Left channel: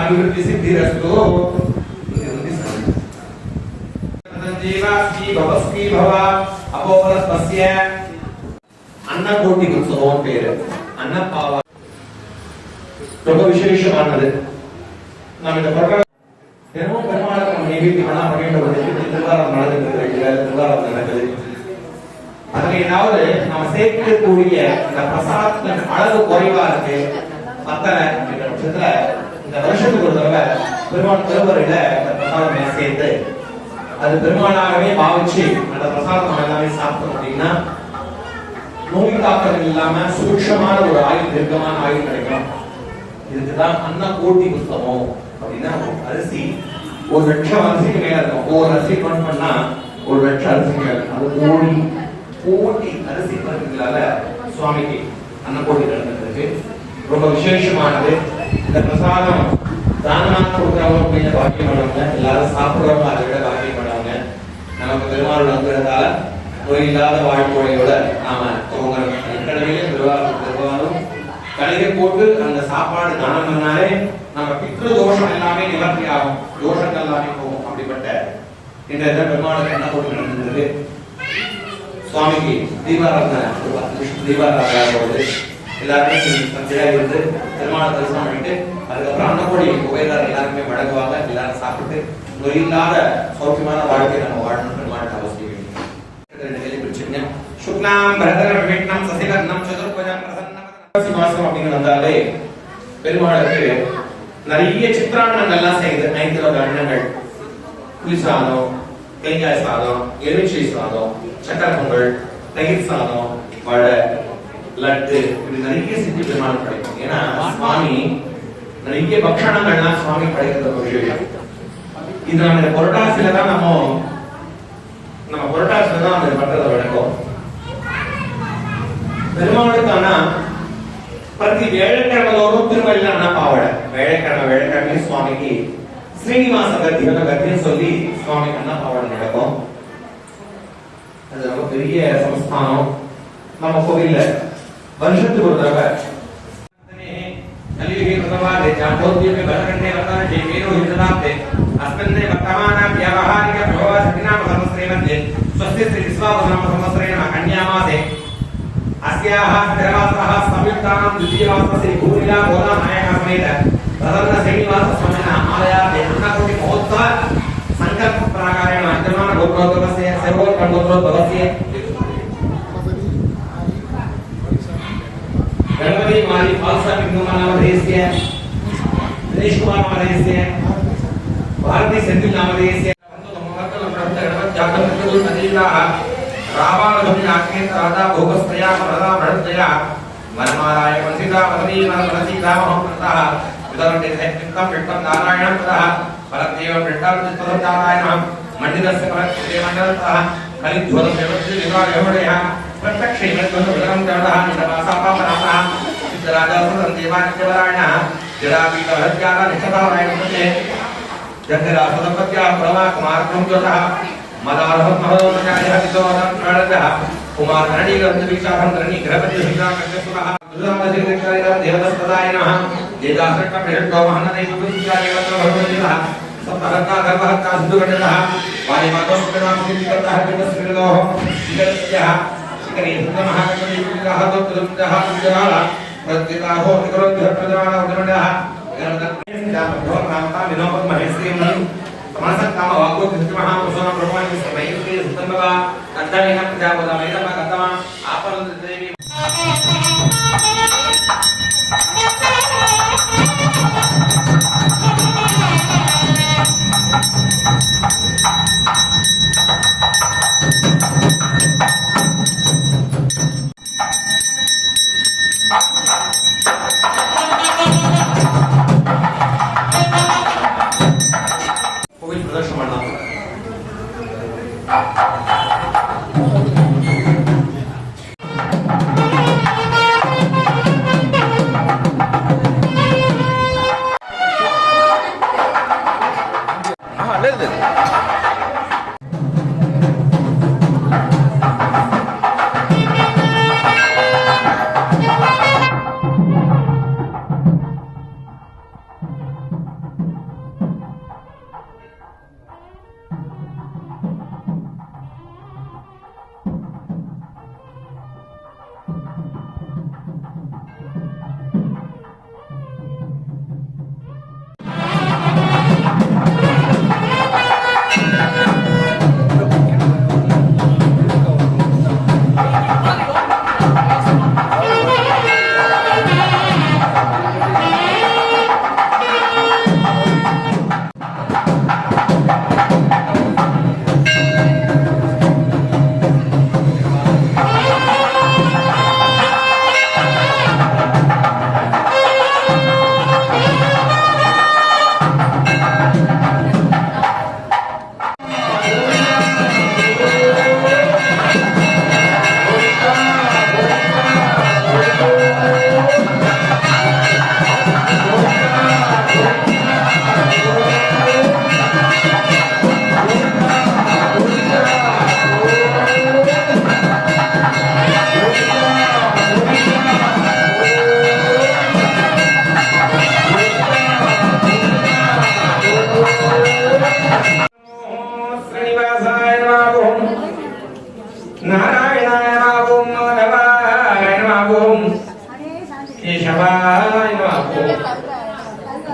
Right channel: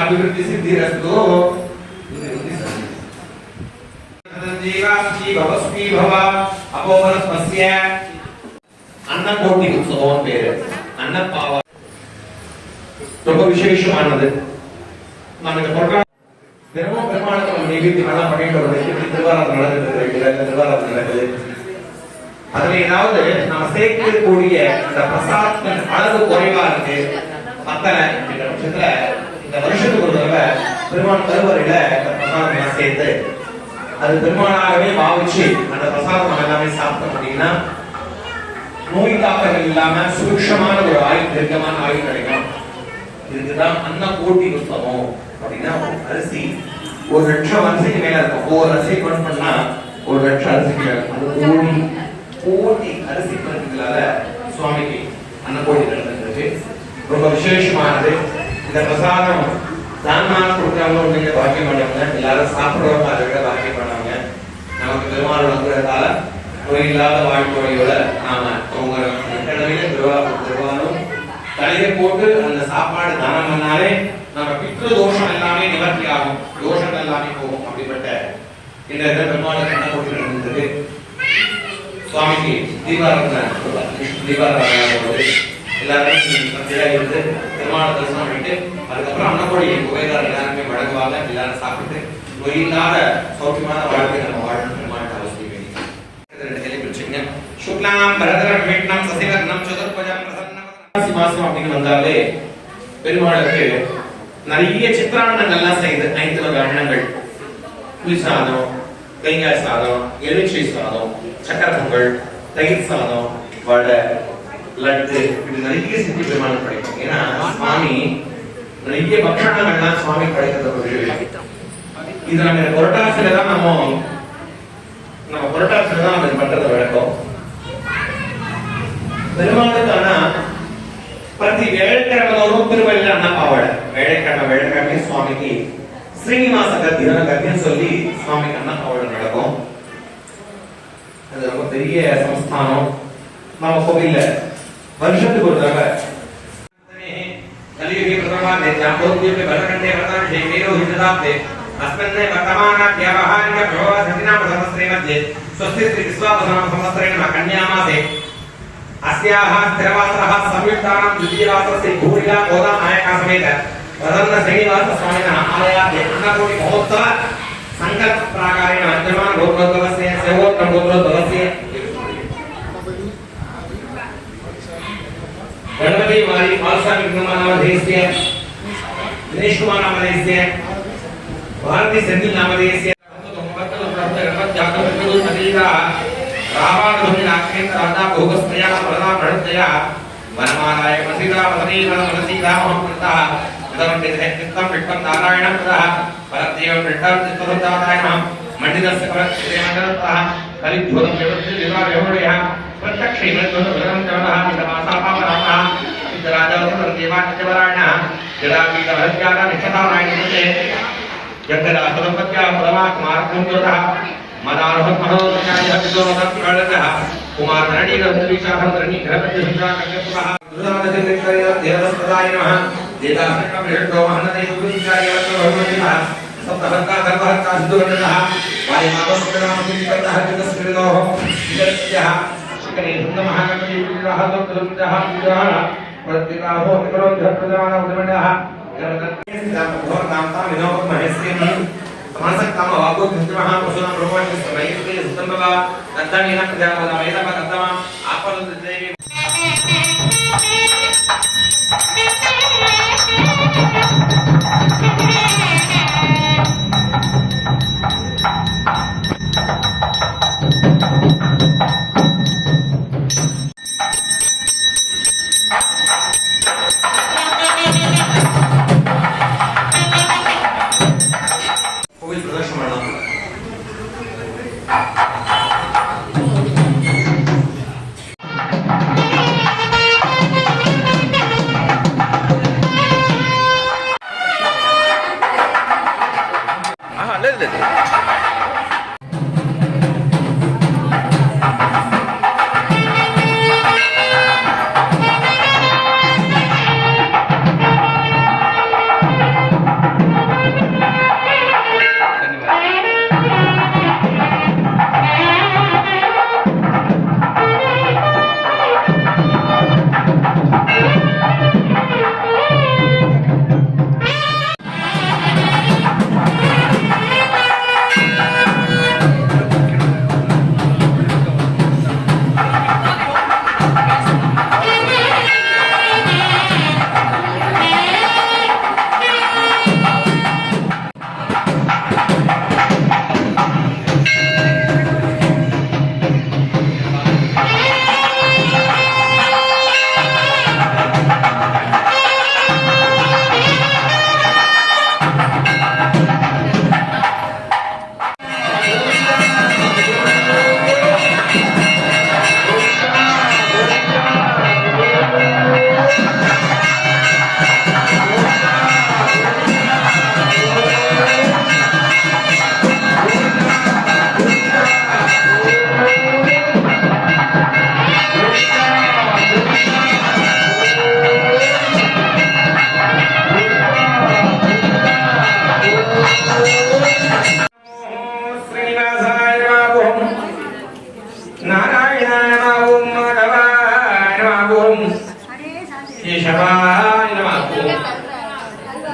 अभिवृद्धि सिद्धिरस्तु अपोवरस्पस्य अन्नकोटि उत्सवம் பேரு அன்னப்பாவ ரொம்ப விசேஷமானது. நம்ம இந்த ப்ரோகிராம் பெருமாளுக்கு நம்ம நைவேத்தியம் பண்ணலாம் பண்ணிட்டு ஒரு திருவாரூர் நடந்துட்டு திருவாரூர் நடக்குது. அதுல ஏதாவது நாம சேர்க்கக்கூடிய இந்த பிரசாதத்தின் அளவு குறைவா இருக்கு பத்தனை என்ற பட்சத்துல இந்த வருஷத்துக்கு ஒரு தடவை பெருமாள் திருவரையில பிரசாதம் சேர்த்து அது பெருமாளாகவே பாவிச்சு அந்த பிரசாதம் நம்ம எல்லாமே சாப்பிட்டோம் அப்படின்னா நோய் தாக்கங்கள் இல்லாம சுபிக்ஷமான ஒரு ஆயுள் தீர்க்கமான ஆயுள் கிடைக்கும். இதுக்குதான் அன்னகோட்டி உற்சவம் அப்படின்னா அரிசி 1 லட்சம் அரிசிக்கு மேல இருக்கும். ஒவ்வொரு அரிசி பண்ணா 1 லட்சம் அரிசிக்கு மேல இருக்கும். அது கோடி அரிசி பருத்திகளால சுவாமிக்கு அன்னகோட்டி நடந்திருக்கு. ரொம்ப விசேஷமானது. இந்த பிரசாதம் தானா கொடுக்கிறவங்க அப்படிங்கிற பாக்கியம் பண்ணவங்க எல்லாரும் சாப்பிடுறவங்க அதை விட பாக்கியம் பண்ணவங்க நமக்கு பெருமாள் வந்துறதால நோய் இல்லாத வாழ்க்கையோட நாம திருவாரூரும் தலையை போட்டு அந்த சாப்பாடு தானம் பண்ணாலே நம்ம பித்ரு தோஷம் எல்லாமே நிவர்த்தி ஆகும், தோஷங்கள் எல்லாமே போகும். அப்படிப்பட்ட இந்த பெருமாளுக்கு என்ன போட்டு நடந்தது சுவாமிக்கு தீபாராதனை எல்லாருமே இருந்து பெருமாள் தரிசனம் பண்ணிட்டு அதுக்கப்புறம் அன்னப்பொடி புகைதார் எல்லாருமே வழங்குவாங்க. எல்லாரும் சாப்பிட்டு நோய் இல்லாத சௌக்கியமான வாழ்க்கையை நம்ம வாழணும். பெருமாளுக்கு அவசியம் வந்தாலே பெருமாளுக்கு நிறைய சித்திராண்ணங்கள்லாம் செய்து 5 வகை அன்னங்கள், புளி சாதம், தேங்காய் சாதம், எலுமிச்சை சாதம், சக்கரை பொங்கல், தயிர் சாதம், வடை, லட்டு, இப்படி நிறைய செஞ்சு பெருமாள் படைக்கும். ஏன்னா சுவாமி நிறைய பக்ஷணங்கள்லாம் சுவாமி படைக்கிறது. இது நம்ம இந்த புரட்டாசில தான் நம்ம புரட்டாசில தான் நம்ம பண்றது வழக்கம். பெருமாளுக்கான பிரதி வேலைக்கிழமையோரும் திருவள்ளில அண்ணா பாவாடை வேலைக்கிழமை சுவாமிக்கு ஸ்ரீனிவாச கத்தியம் சொல்லி சுவாமிக்கு அண்ணா பாவாடை நடக்கும். அது ரொம்ப பெரிய சம்ஸ்தானம். நம்ம கோவில்ல வருஷத்துக்கு ஒரு தடவை अस्याः स्थिरवासः संयुक्तानां द्वितीयवासस्य भूरिला गोदा नायका समेत प्रसन्न श्रीनिवास स्वामिनः आलयात् अन्नकोटि महोत्सव संकल्प प्राकारेण विद्यमान गोत्रोद्भवस्य सेवोत्तम गोत्रोद्भवस्य गणपति मारी मालसा विक्रम नामधेयस्य दिनेश कुमार नामधेयस्य भारती सेंथिल नामधेयस्य गणपति जातक नदीगा रावाणधुनि आत्मेत राधा भोगस्तया प्रदा भरतया वनमालाय वसिता वसनी वनमसीता महंता उदरंते सैत्यक्तम विक्तम नारायणं तथा परदेव वृद्धं चित्तसंदाताय नमः मंडितस्य परदेव मंडलतः कलिध्वरं व्यवस्थित विवाह यमुनया प्रत्यक्ष इनत्वं विरम जवदः निदमासापापराः सिद्धराजासुतं देवानित्यवरायणः जडापीठभद्याना निक्षतारायणमुखे यज्ञदासदम्पत्या परमात्मार्कुञ्जोतः मदारभमहोदयाय विद्योमसत्प्रणतः कुमार नडीगन्धविशाखं रणिग्रहपति हिंसाकर्यसुतः दुरादजितेश्वरय देवदस्पदाय नमः देदासक्कमिरट्टो महनदेवदुर्गाय भगवतिनः सप्तहत्ता सर्वहत्ता सिद्धगणतः वायुमातोपनामकिन्तः कितस्मृतोः विकरस्यः शिखरे सुन्दमहागणपतिविग्रहः तत्तुलुप्तः विजयः प्रत्येकाहो विकरोद्यः प्रजमानः उदमणः गणपतिस्थितामध्वरनामता विनोद महेश्वरीं समसक्ताम वागो कृष्णः वसुना ब्रह्मणि समयिते सुतंबवा नंदनेन प्रजापदा वेदम कदम आपवदेवी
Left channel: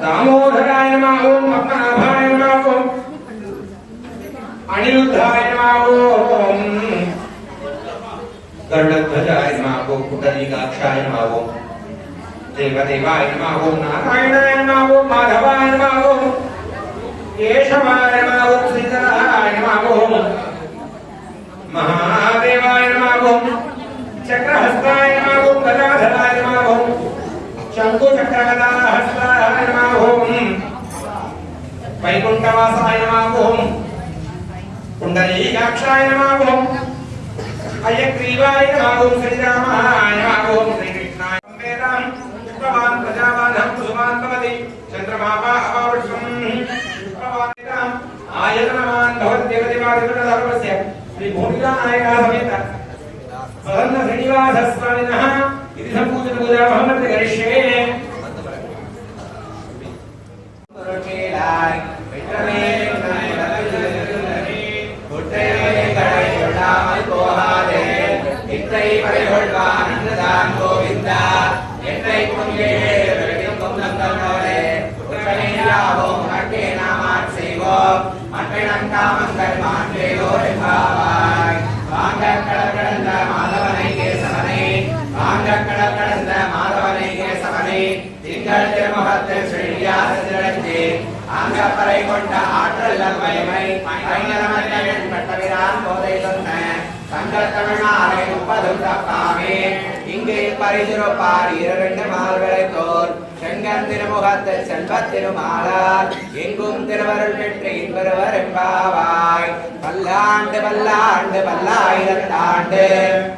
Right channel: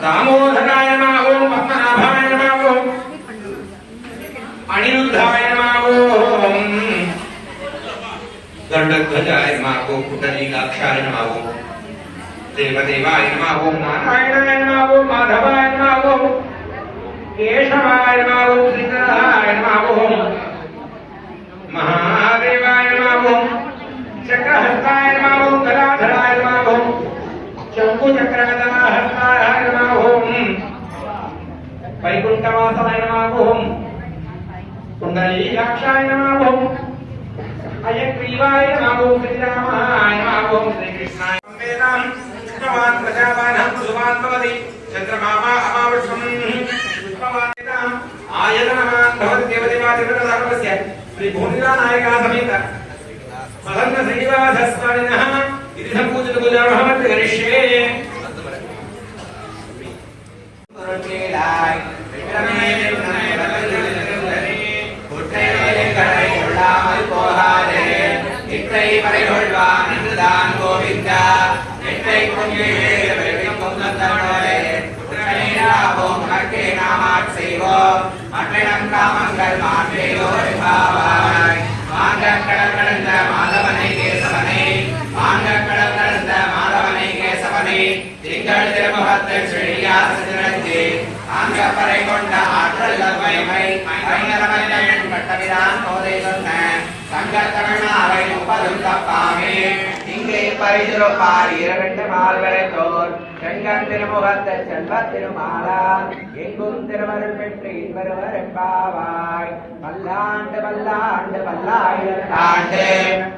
दामोदराय नमः ओम पद्मनाभाय नमः ओम अनिरुद्धाय नमः ओम गरुडध्वजाय नमः ओम पुंडरीकाक्षाय नमः ओम देवदेवाय नमः ओम नारायणाय नमः ओम माधवाय नमः ओम केशवाय नमः ओम श्रीधराय नमः ओम महादेवाय नमः ओम चक्रहस्ताय नमः ओम गदाधराय नमः ओम शंकुचक्रगदाहस्ताय नमः ओम वैकुंठवासाय नमः ओम पुंडरीकाक्षाय नमः ओम अयग्रीवाय नमः ओम श्रीरामाय नमः ओम श्रीकृष्णाय वेदां पुष्पवान् प्रजावान् कुसुमान् भवति चन्द्रमापा अपावृषम् पुष्पवान् आयतनवान् भवत्यवदेवादिवृतधर्मस्य श्रीभूमिलानायकः समेत सदन्न श्रीनिवासस्वामिनः इति सम्पूजितपूजामहमत्र करिष्ये மாதவனை தேசவனே மாங்கக்கடல் கடந்த மாதவ தப்பாமே இங்கே பரிதுரப்பார் இரண்டு மால்களை தோர் செங்கன் திருமுகத்து செல்வத் திருமாலார் எங்கும் திருவருள் பெற்று இன்பருவர் எம்பாவாய் பல்லாண்டு பல்லாண்டு பல்லாயிரத்தாண்டு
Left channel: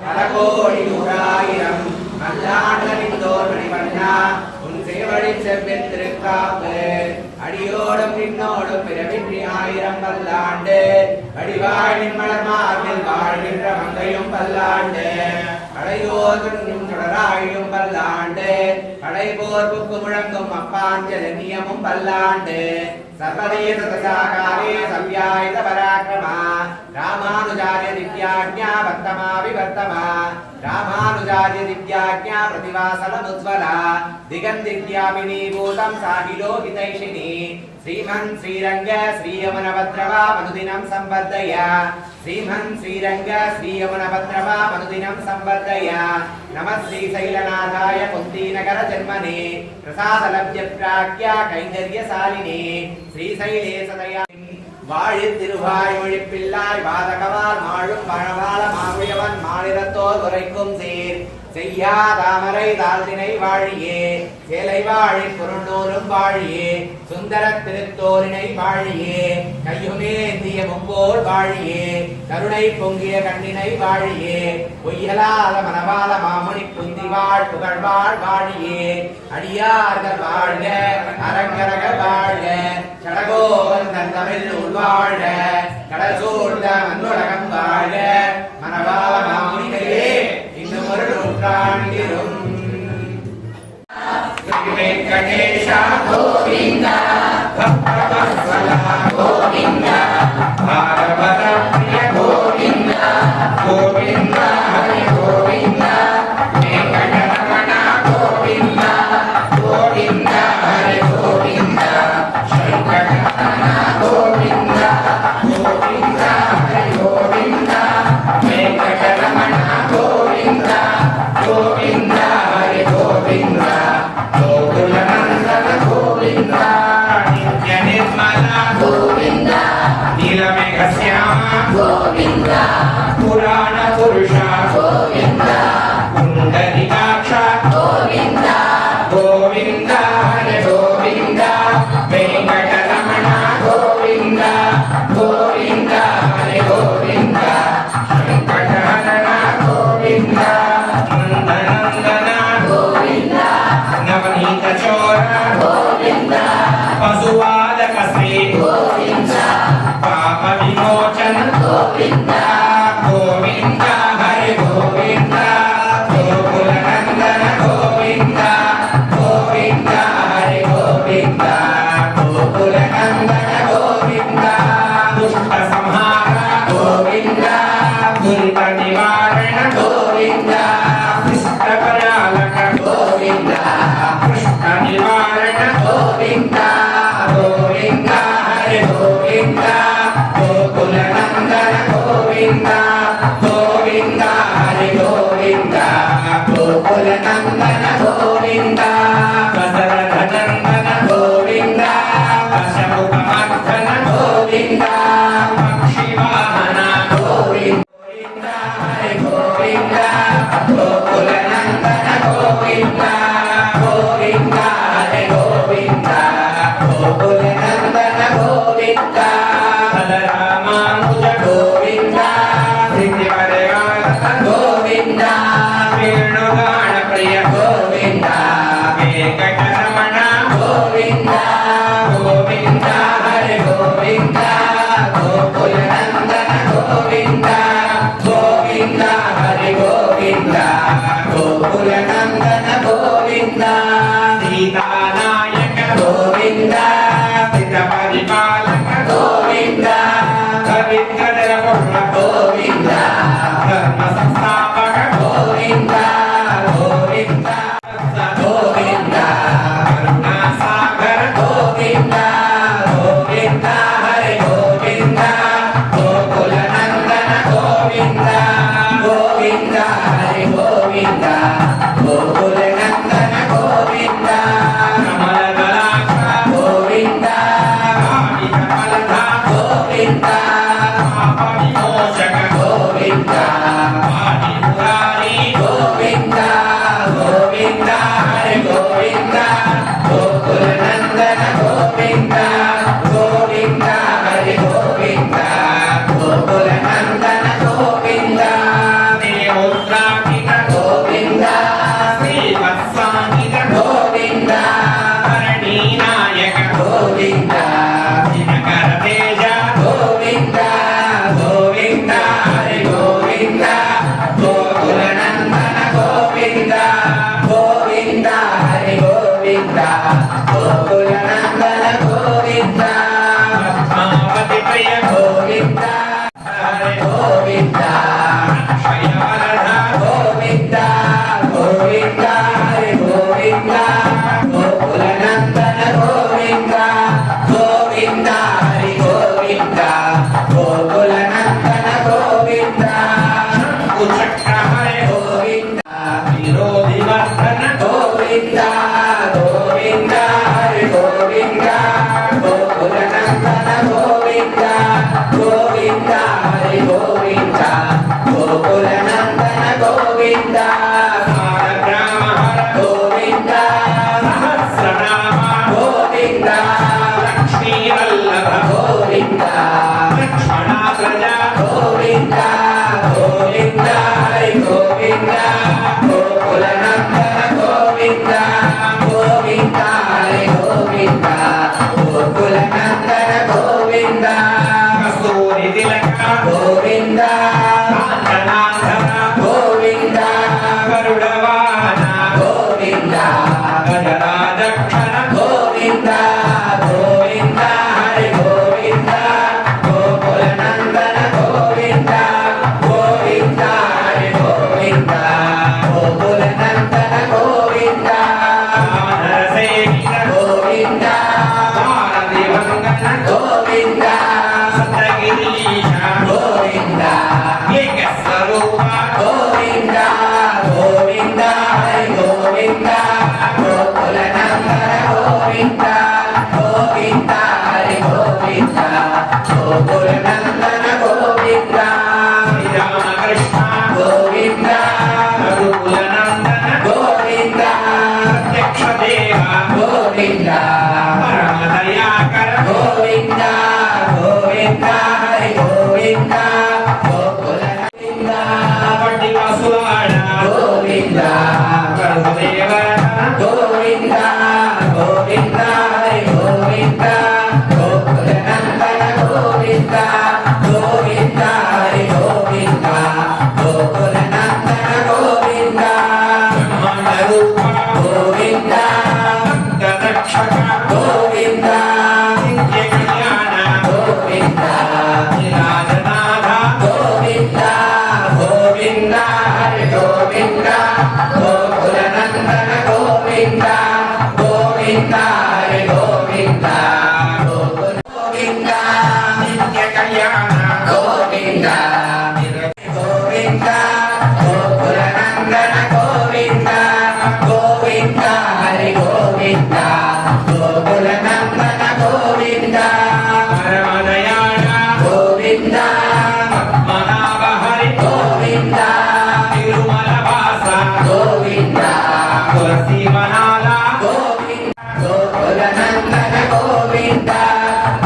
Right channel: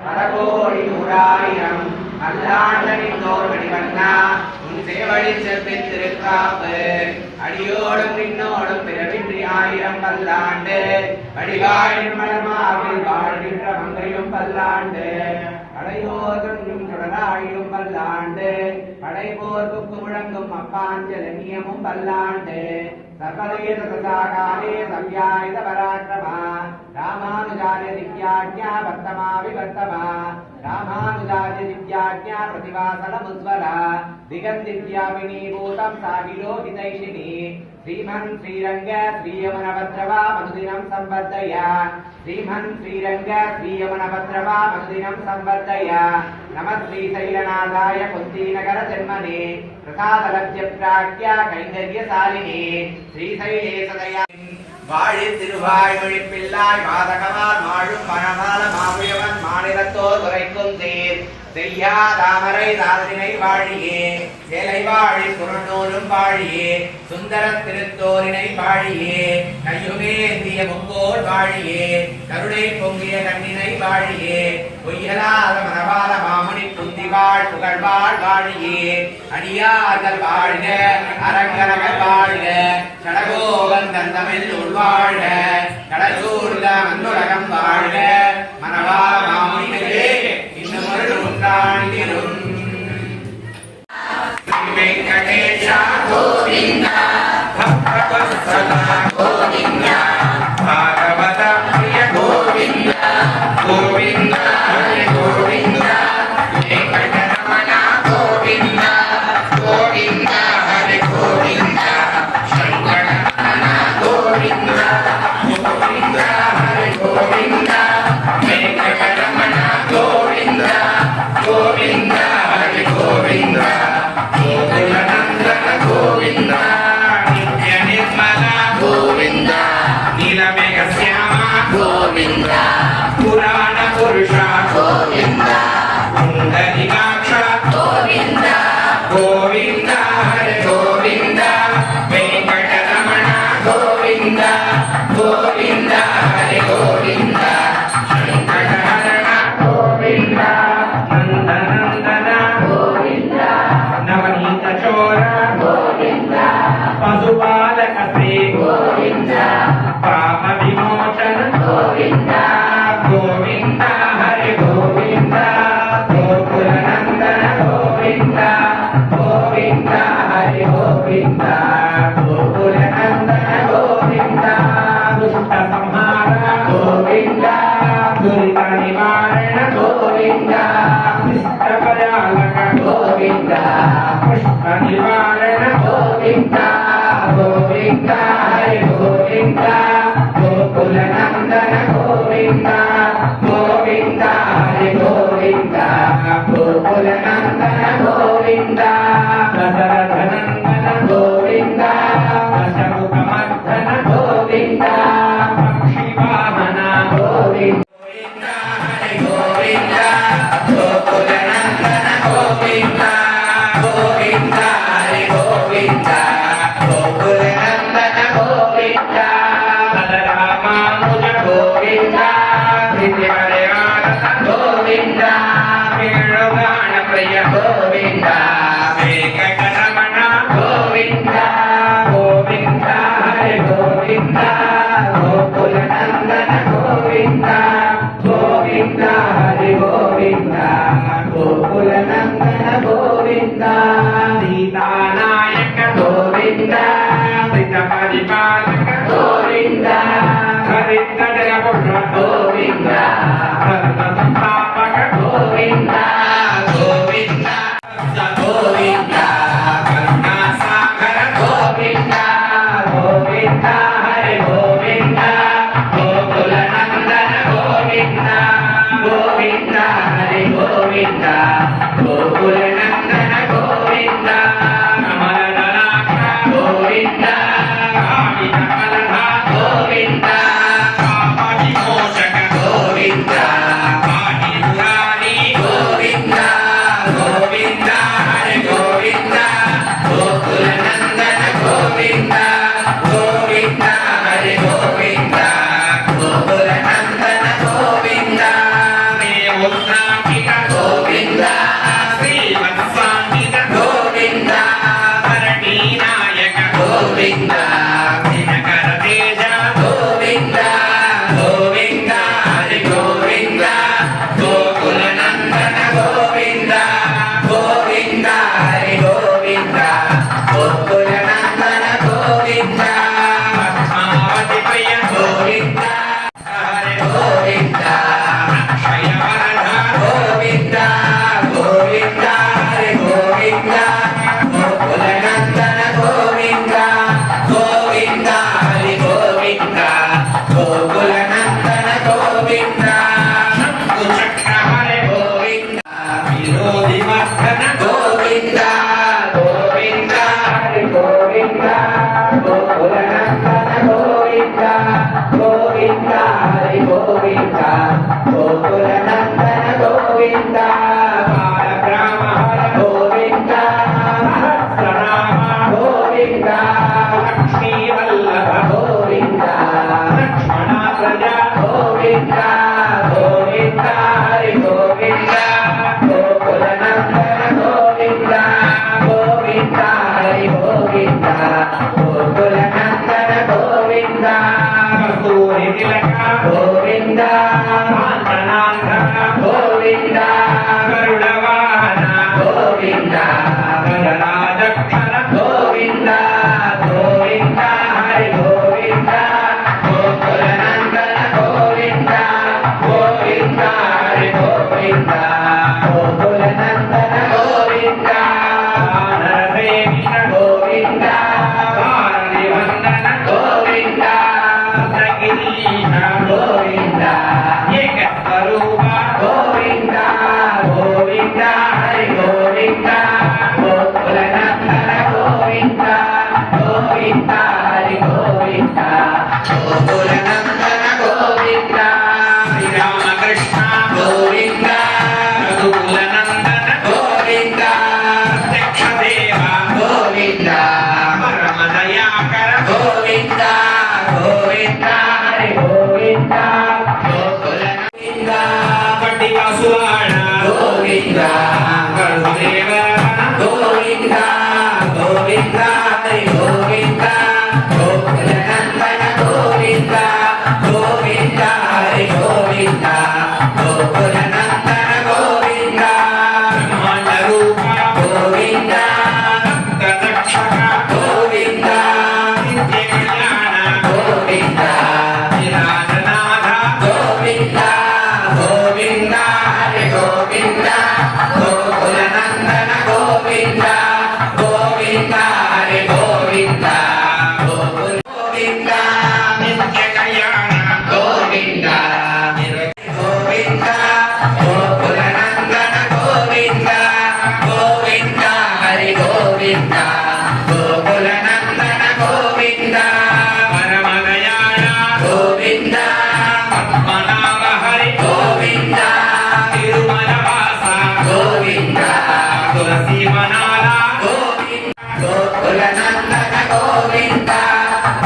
பல கோடி நூறாயிரம் பல்லாண்டனின் தோர் மணிவண்ணா உன் சேவடி செவ்வின் திருக்காப்பு அடியோடும் நின்னோடும் பிறவின்றி ஆயிரம் பல்லாண்டு வடிவாய் நிம்மலமாகில் வாழ்கின்ற மங்கையும் பல்லாண்டு அடையோதும் தொடராயும் பல்லாண்டு படைபோர்ப்புக்கு முழங்கும் அப்பாஞ்சலனியமும் பல்லாண்டு சர்வதேச தசாகாரே சவ்யாயுத பராக்கிரமா ராமானுஜாரிய திவ்யாஜ்ஞா வர்த்தமா விவர்த்தமா ராமானுஜாரிய திவ்யாஜ்ஞா பிரதிவாசனமுज्ज्वला दिगन्दिव्यामिनी भूतं साविलोकितैषिणी श्रीमन् श्रीरङ्ग श्रीयमनभद्रवा मनुदिनं संवर्धय श्रीमन् श्रीरङ्ग श्रीयमनभद्रवा मनुदिनं संवर्धय नमः श्रीशैलनाथाय कुन्तीनगर जन्मने प्रसादलभ्यप्राज्ञा कैङ्कर्यशालिने श्रीशैले सदया வாழி திருவாய்மொழி பிள்ளாய் வாதகவால் மாழும் மணவாள மாமுயவன் மாநிலத்தோர் குறைக்கும் சீர் செய்யா தாமரை தாழ்தினை வாழியே சேலை வாழி புறநூலும் வாழியே சுந்தர திருத்தோரினை வாழியே கையுகேந்திய முங்கோல் வாழியே கருணை பொங்கிய கண்ணினை வாழியே பொய்யலாத மணவாள மாமுனி குந்திவாழ் புகழ்வாழ் வாழியே அடியார்கள் வாழ்க அரங்கரக வாழ்க கடகோவன் தந்தமிழ் உள்வாழ்க கடலூர்ல மண்ணுலகம் வாழ்க மணவாள மாமுனிகளே இன்னும் ஒரு நூற்றாண்டிலும் வெங்கடேஷ கோவிந்தா பக்தவத்சல கோவிந்தா பாகவத பிரிய கோவிந்தா கோவிந்தா ஹரி கோவிந்தா வெங்கடரமண கோவிந்தா கோவிந்தா ஹரி கோவிந்தா சங்கரரமண கோவிந்தா கோவிந்தா ஹரி கோவிந்தா வெங்கடரமண கோவிந்தா கோவிந்தா ஹரி கோவிந்தா கோகுலநந்தன கோவிந்தா நித்ய நிர்மல கோவிந்தா நீலமேಘ ಶ್ಯಾಮ கோவிந்தா புராண புருஷ கோவிந்தா புண்டரீகாಕ್ಷ கோவிந்தா கோவிந்தா ஹரி கோவிந்தா வெங்கடரமಣ கோவிந்தா கோவிந்தா ஹரி கோவிந்தா ಶಂಕರರಮಣ கோவிந்தா ನಂದನಂದನ கோவிந்தா ನವನೀತ ಚೋರ கோவிந்தா ಪಶುಪಾಲಕ ಶ್ರೀ கோவிந்தಾ ಪಾಪ ವಿಮೋಚನ கோவிந்தಾ ಗೋವಿಂದ ಹರಿ ಗೋವಿಂದ ಗೋಕುಲನಂದನ ಗೋವಿಂದ ಗೋವಿಂದ ಹರಿ ಗೋವಿಂದ ಗೋಕುಲನಂದನ ಗೋವಿಂದ ದುಷ್ಟ ಸಂಹಾರ ಗೋವಿಂದ ದುರಿತ ನಿವಾರಣ ಗೋವಿಂದ ಕೃಷ್ಣ ಪರಾಲಕ ಗೋವಿಂದ ಕೃಷ್ಣ ನಿವಾರಣ ಗೋವಿಂದ ಗೋವಿಂದ ಹರಿ ಗೋವಿಂದ ಗೋಕುಲನಂದನ ಗೋವಿಂದ ಗೋವಿಂದ ಹರಿ ಗೋವಿಂದ ಗೋಕುಲನಂದನ ಗೋವಿಂದ ದಶರಥನಂದನ ಗೋವಿಂದ ದಶಮುಖಮರ್ದನ ಗೋವಿಂದ ಪಕ್ಷಿವಾಹನ ಗೋವಿಂದ ಹರಿ ಗೋವಿಂದ ಗೋಕುಲನಂದನ ಗೋವಿಂದ ಗೋವಿಂದ ಹರಿ ಗೋವಿಂದ ಗೋಕುಲನಂದನ ಗೋವಿಂದ ರಾಮಾನುಜ ಗೋವಿಂದ ಗೋವಿಂದ ವೇಣುಗಾನ ಪ್ರಿಯ ಗೋವಿಂದ ವೆಂಕಟರಮಣ ಗೋವಿಂದ ಗೋವಿಂದ ಹರಿ ಗೋವಿಂದ ಗೋಕುಲನಂದನ ಗೋವಿಂದ ಗೋವಿಂದ ಹರಿ ಗೋವಿಂದ ಗೋಕುಲನಂದನ ಗೋವಿಂದ ಸೀತಾನಾಯಕ ಗೋವಿಂದ ಸಿದ್ಧ ಪರಿಪಾಲಕ ಗೋವಿಂದ ಹರಿದ್ರರ ಪುತ್ರ ಗೋವಿಂದ ಧರ್ಮ ಸಂಸ್ಥಾಪಕ ಗೋವಿಂದ ಗೋವಿಂದ ಗೋವಿಂದ ಕರುಣಾ ಸಾಗರ ಗೋವಿಂದ ಗೋವಿಂದ ಹರಿ ಗೋವಿಂದ ಗೋಕುಲನಂದನ ಗೋವಿಂದ ಗೋವಿಂದ ಹರಿ ಗೋವಿಂದ సాలగ్రామహర గోవింద సహస్రనామ గోవింద లక్ష్మీవల్లభ గోవింద లక్ష్మణాగ్రజ గోవింద గోవింద హరి గోవింద గోకులనందన గోవింద గోవింద హరి గోవింద గోకులనందన గోవింద కస్తూరి తిలక గోవింద కాంచనాంధన గోవింద గరుడవాహన గోవింద గజరాజక్షణ గోవింద గోవింద హరి గోవింద గోకులనందన గోవింద గోవింద హరి గోవింద గోకులనందన గోవింద నరసేవిత గోవింద పాలనివందన గోవింద సప్తగిరీశ గోవింద ఏకస్వరూప గోవింద గోవింద హరి గోవింద గోకులనందన గోవింద గోవింద హరి గోవింద గోకులనందన గోవింద శ్రీరామకృష్ణ గోవింద రఘుకులనందన గోవింద ప్రత్యక్ష దేవ గోవింద పరమ దయాకర గోవింద గోవింద హరి గోవింద గోకులనంద పట్టికాసులాడ గోవింద గరుదేవరణ గోవింద గోవింద హరి గోవింద గోకులనందన గోవింద గోవింద హరి గోవింద గోకులనందన గోవింద బ్రహ్మాండ రూప గోవింద గదక్షక గోవింద నిత్య కళ్యాణ గోవింద నిరాజనాథ గోవింద గోవింద హరి గోవింద గోకులనందన గోవింద గోవింద హరి గోవింద గోవింద నిత్య కళ్యాణ గోవింద గోవింద గోకులనందన గోవింద గోవింద హరి గోవింద గోకులనందన గోవింద పరమ దయాళ గోవింద పద్మనాభ హరి గోవింద తిరుమల వాస గోవింద తులసి వనాల గోవింద గోకులనందన గోవింద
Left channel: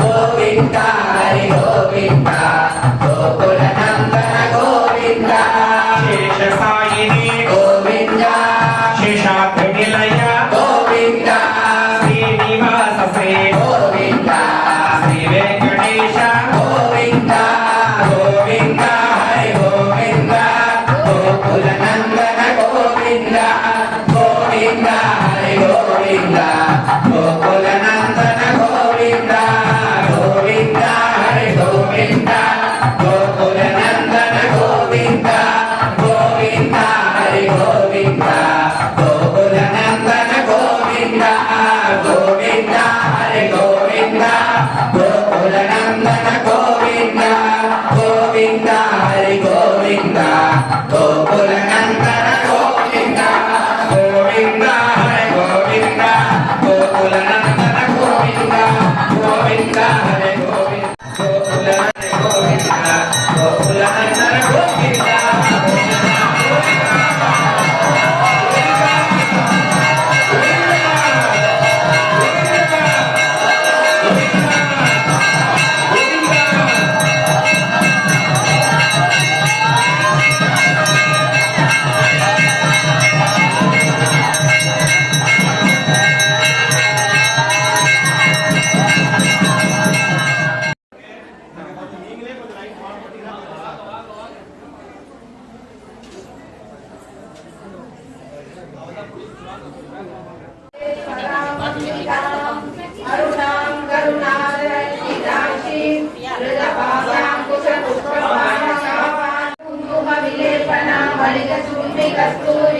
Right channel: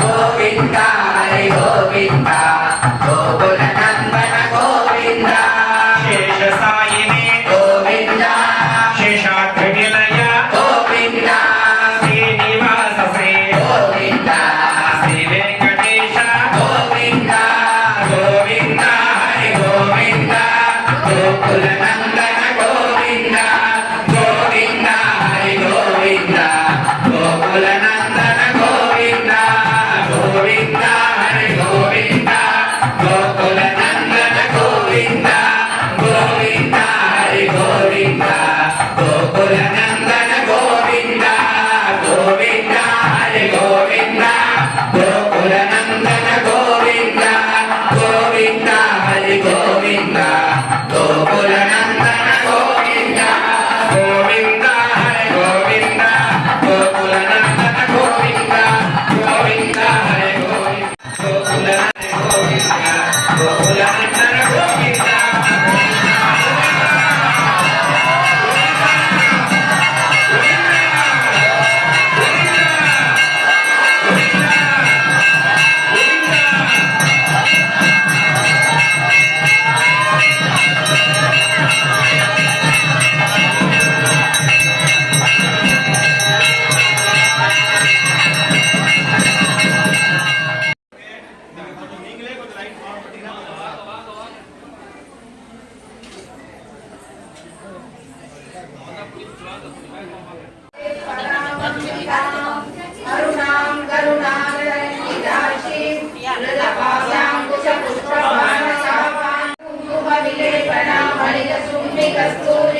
గోవింద హరి గోవింద గోకులనందన గోవింద శేష సాయిని గోవింద శేషాద్రి నిలయ గోవింద శ్రీనివాస సే గోవింద శ్రీ వెంకటేశ గోవింద గోవింద హరి గోవింద గోకులనందన గోవింద గోవింద హరి గోవింద గోకులనందన గోవింద గోవింద హరి గోవింద గోకులనందన గోవింద గోవింద హరి గోవింద గోకులనందన గోవింద గోవింద హరి గోవింద గోకులనందన గోవింద గోవింద హరి గోవింద గోకులనందన గోవింద గోవింద హరి గోవింద గోకులనందన గోవింద గోవింద హరి గోవింద గోకులనందన గోవింద అరుణాం కరుణాదరహితాక్షి నృజపాశాం కుశపుష్పమానసాం కుంకుమ విలేపన మణిజ శూన్నికస్తూరి